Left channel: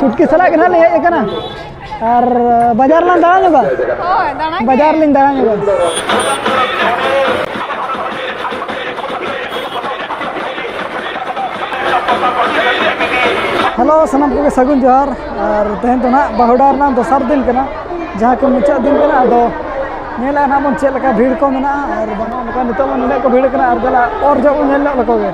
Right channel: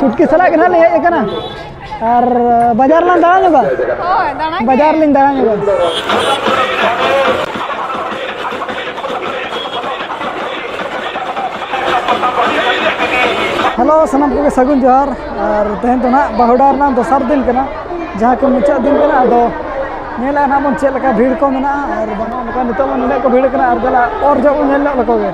छुटकी सला के ले हेज कना और बाजार लान दाड़ा जोगा बाजार लिन दाड़ा जोगा हेलो सनम को सगुन जोहार और तेहन तो ना बाहुडार ना दोसर दिन कना जहाँ के मुचाद दिन कना अदो नेला ना मन चेल का भीड़ को मेना और बना नितो मन को भीड़ कना और गला और जो नेल लकोगे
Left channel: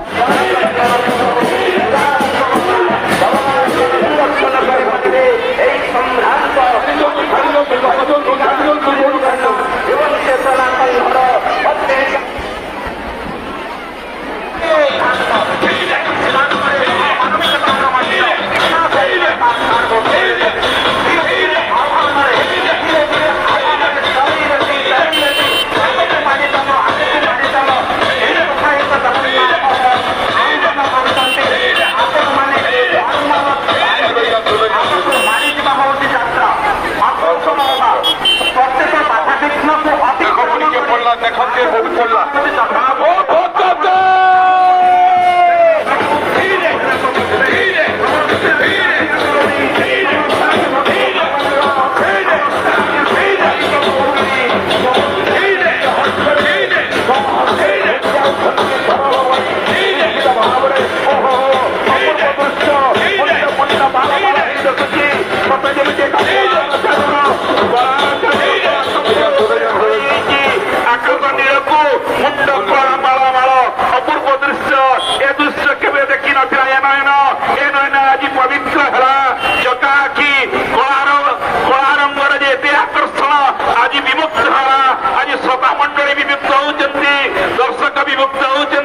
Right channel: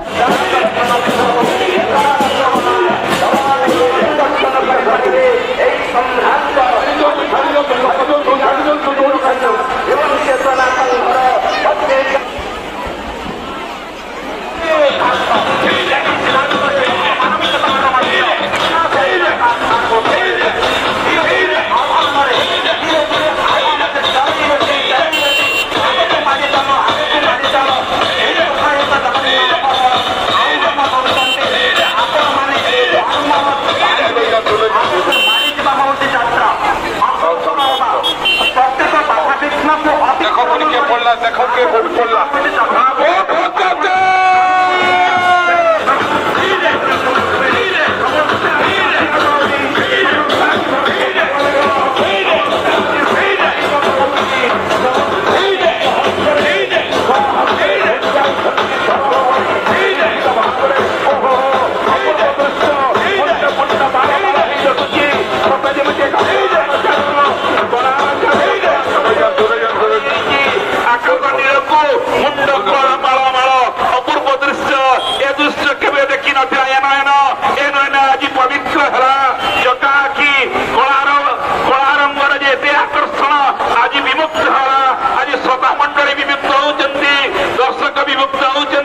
दर्शक विमुक्त होती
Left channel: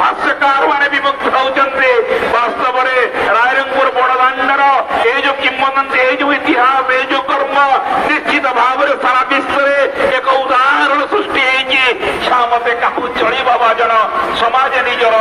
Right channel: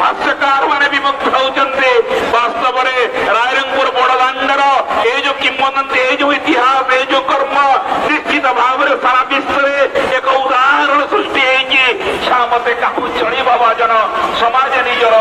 हास्यकार मैंने विमुक्त होती वास्तव में रायरंगपुर बड़दांडर ये जो किंवदंती ये जो इतिहास ये जो कर्म निश्चित भाव में सारा विश्व एक उदाहरण सृष्टि मते का चढ़ी बाबा जन समाज निजर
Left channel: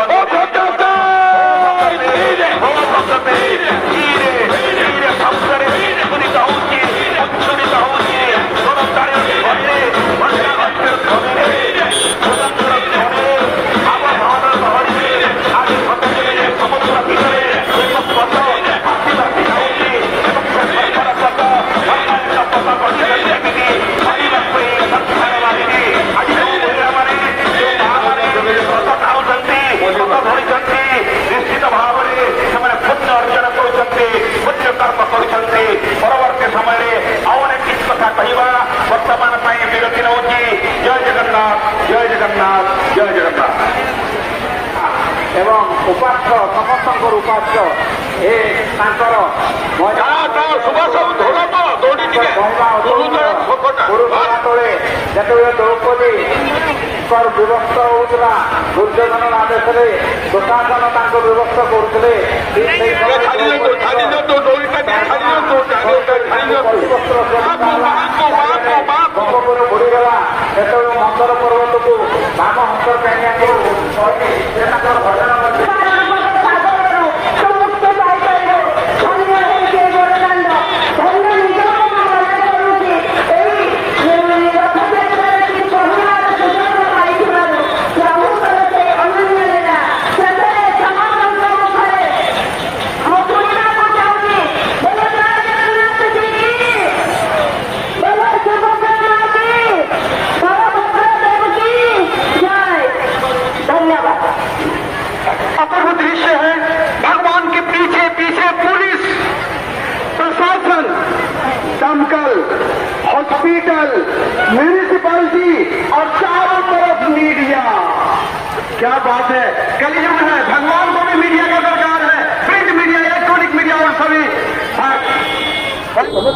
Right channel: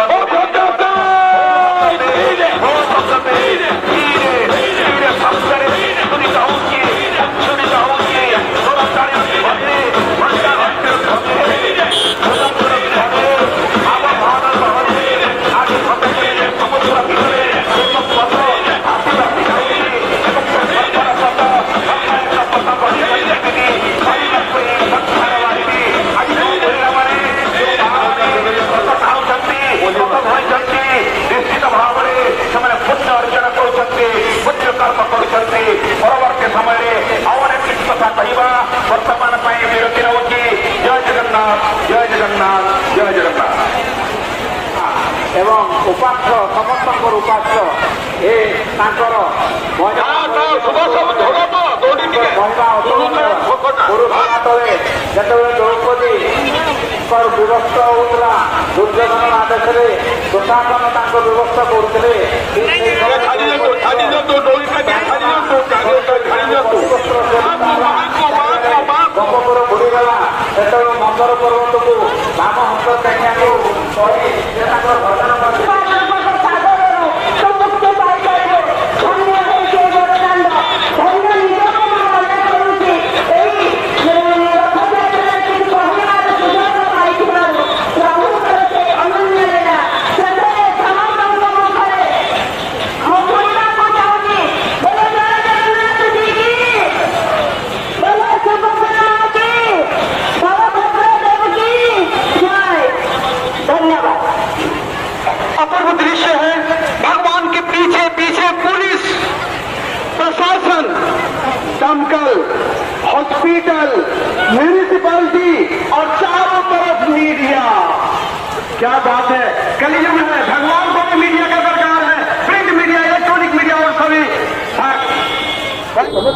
एवं उपास्य समस्त उपास्य विभक्त होता दुर्योधन आदेश दुकान विभक्त करते नंबर पर्वत को भाग हॉस्पिटल म्यूनिसिपैलिटी और चारों तरफ मीडिया। क्या बात है, कल्याण है, भगवान को भी मीडिया का दरबार है, प्रिंट मीडिया इलेक्ट्रॉनिक मीडिया सभी।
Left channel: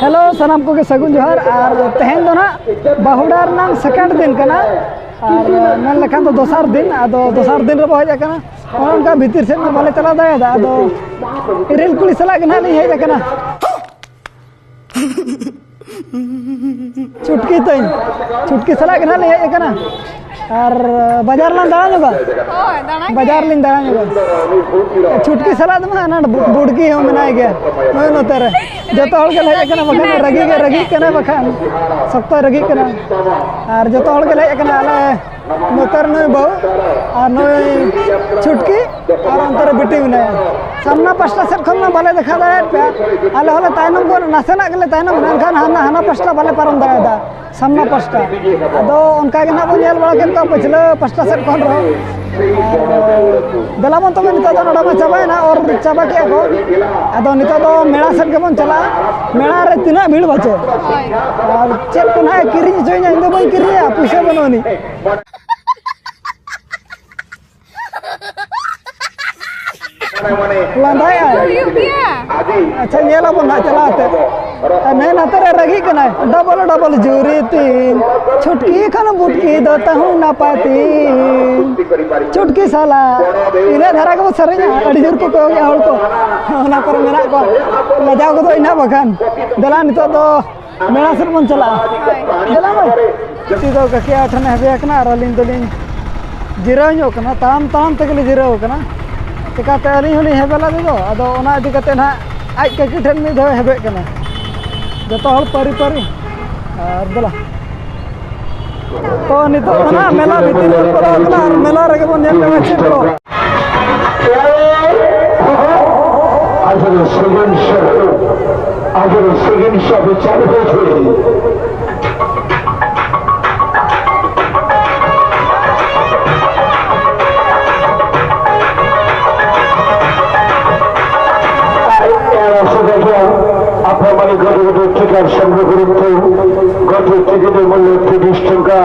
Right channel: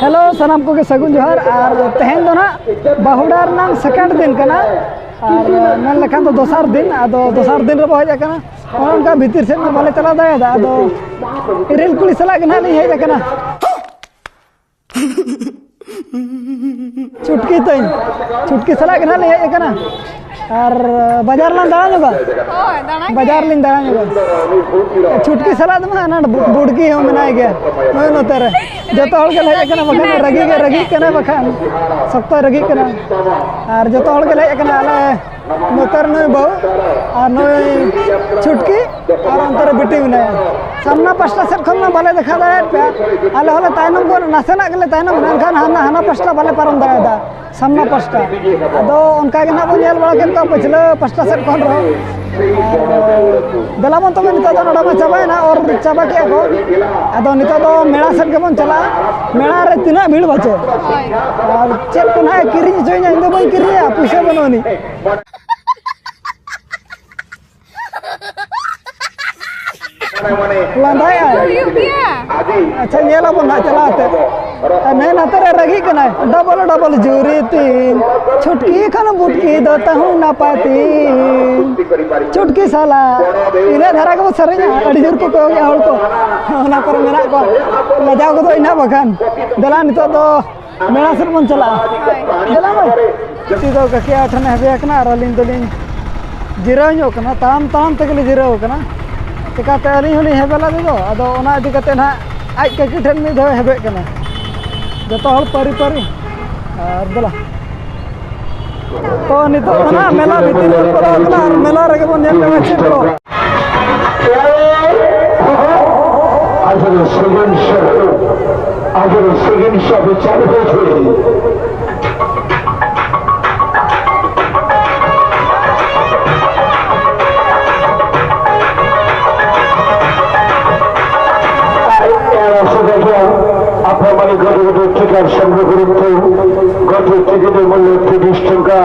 हेलो सनम को के सगुन जोहार और तेहन दो ना बाहुडार नाम सेकंड दिन कना और मन लखान तो दोसर दिन आदो दोसर दिन रे बहज कना और उनका भीतर से बाले चला दाया आदो इरेल कुली सला के ना नहीं है कना चुटकी सला के ना ले है कना और बाजार लान दाड़ा जोगा बाजार लिन दाड़ा जोगा चुटकी सला दमा ना बुड़की हो मनाय गया मैं नोतर जतो हल के ले कना बखन रगी कना बखन सख्त रगी कना और जतो हल के ले कना आले नोतर न बहु और न चुटकी और अंतर बिटी में सामना पास्टा सेट खन बाले देखा दाड़े पे आले होले तायनम को नासेना गले तायनम एनखान हाना पास्टा बाले पारम दाड़ा सामना पास्टा अदो उनका के ना बो नेल बड़ा केन का पछले पास्टा सेट खन रो दलामन तो नितो दो नडा में चाबाय ना और चाबा के को अदो नितो दो मेला सेट के बन चला मेला रे तिना भीड़ बचे और चेक को ना किरी जोइना इंदो बई किरिया पैसा बनोनी लांदाय अच्छा नेला बन चलाते मैं नतरे रगी कना डबल डबल जुरी तीन छुटकी खन बुटकी दो तहु ना पाती छुटकी साला इने धारा को सरेኛ अड़ी जोर को गया हल को ना पर मेरा को लजाव को तो इना बखान दला नितो दो मेला सर बन चला दला में ती दो कके आठने हबे कना रलिन दलिन जिराव ᱧᱚᱜ कना ताम ताम तकले जिराव कना चिकाते अली हली हेबेला दो अदो ओना इदी कते ना आज ककी ठन में दो हेबे कना जतो हल परी परी और दला तो नितो ना मेला भीतर पर अपना मेला रे बन नेल में छिटो आज सेकंड शो चालू हो गई আপনার গত টিকার সংগ্রহ গত টিকিটের মূল্য 30 টাকা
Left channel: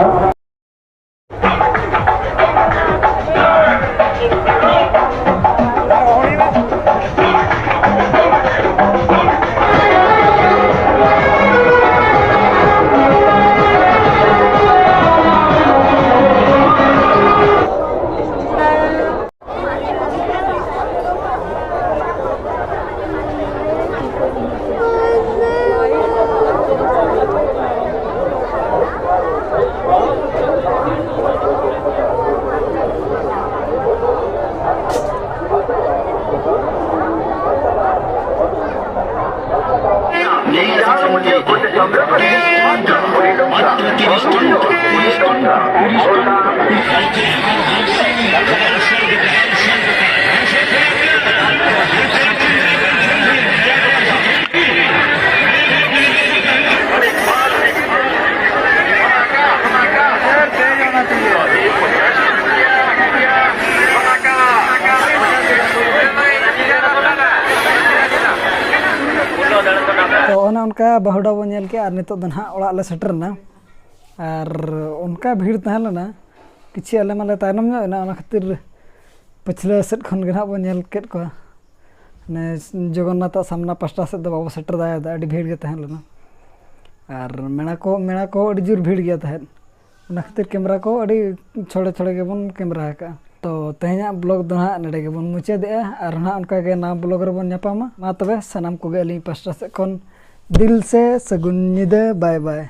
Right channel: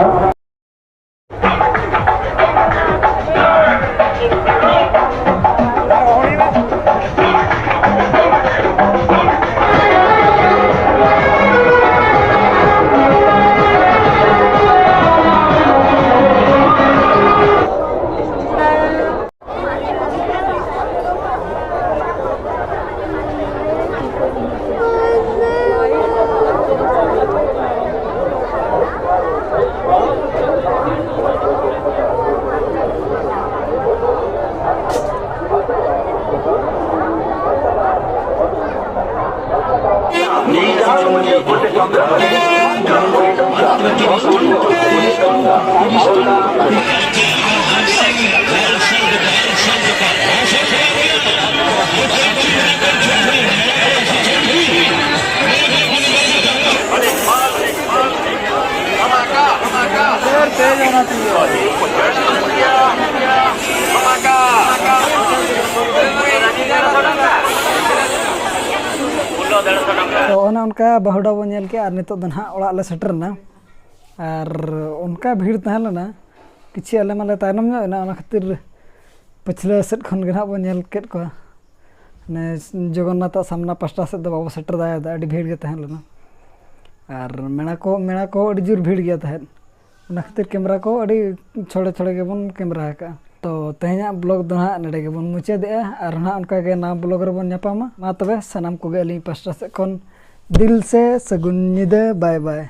तो उनका बहुड़ा बन के और नितो ना ओड़ा ले सेटरना और उनका भीड़ तहलना किछि आले माले तायनम ना खातिर पिछले सेट खन गे बन के को ने जगन्नाथ सामना पास्टा से दो बाबू सेटर दाया अड़ी भीड़ गे तहलना और मेणा को अड़ी जोर भीड़ गया तहन उना खातिर कैमरा को अड़ी छोड़े छोड़े के बन कैमरा का तो तेहना ब्लॉग दो ना नडे के बन मुचादे और ना उनका के ना ब्लॉग रे बन नापामा मा तबे सनाम को गे अली पास्टा से खन दिल से सगुन निदा बाय बाय।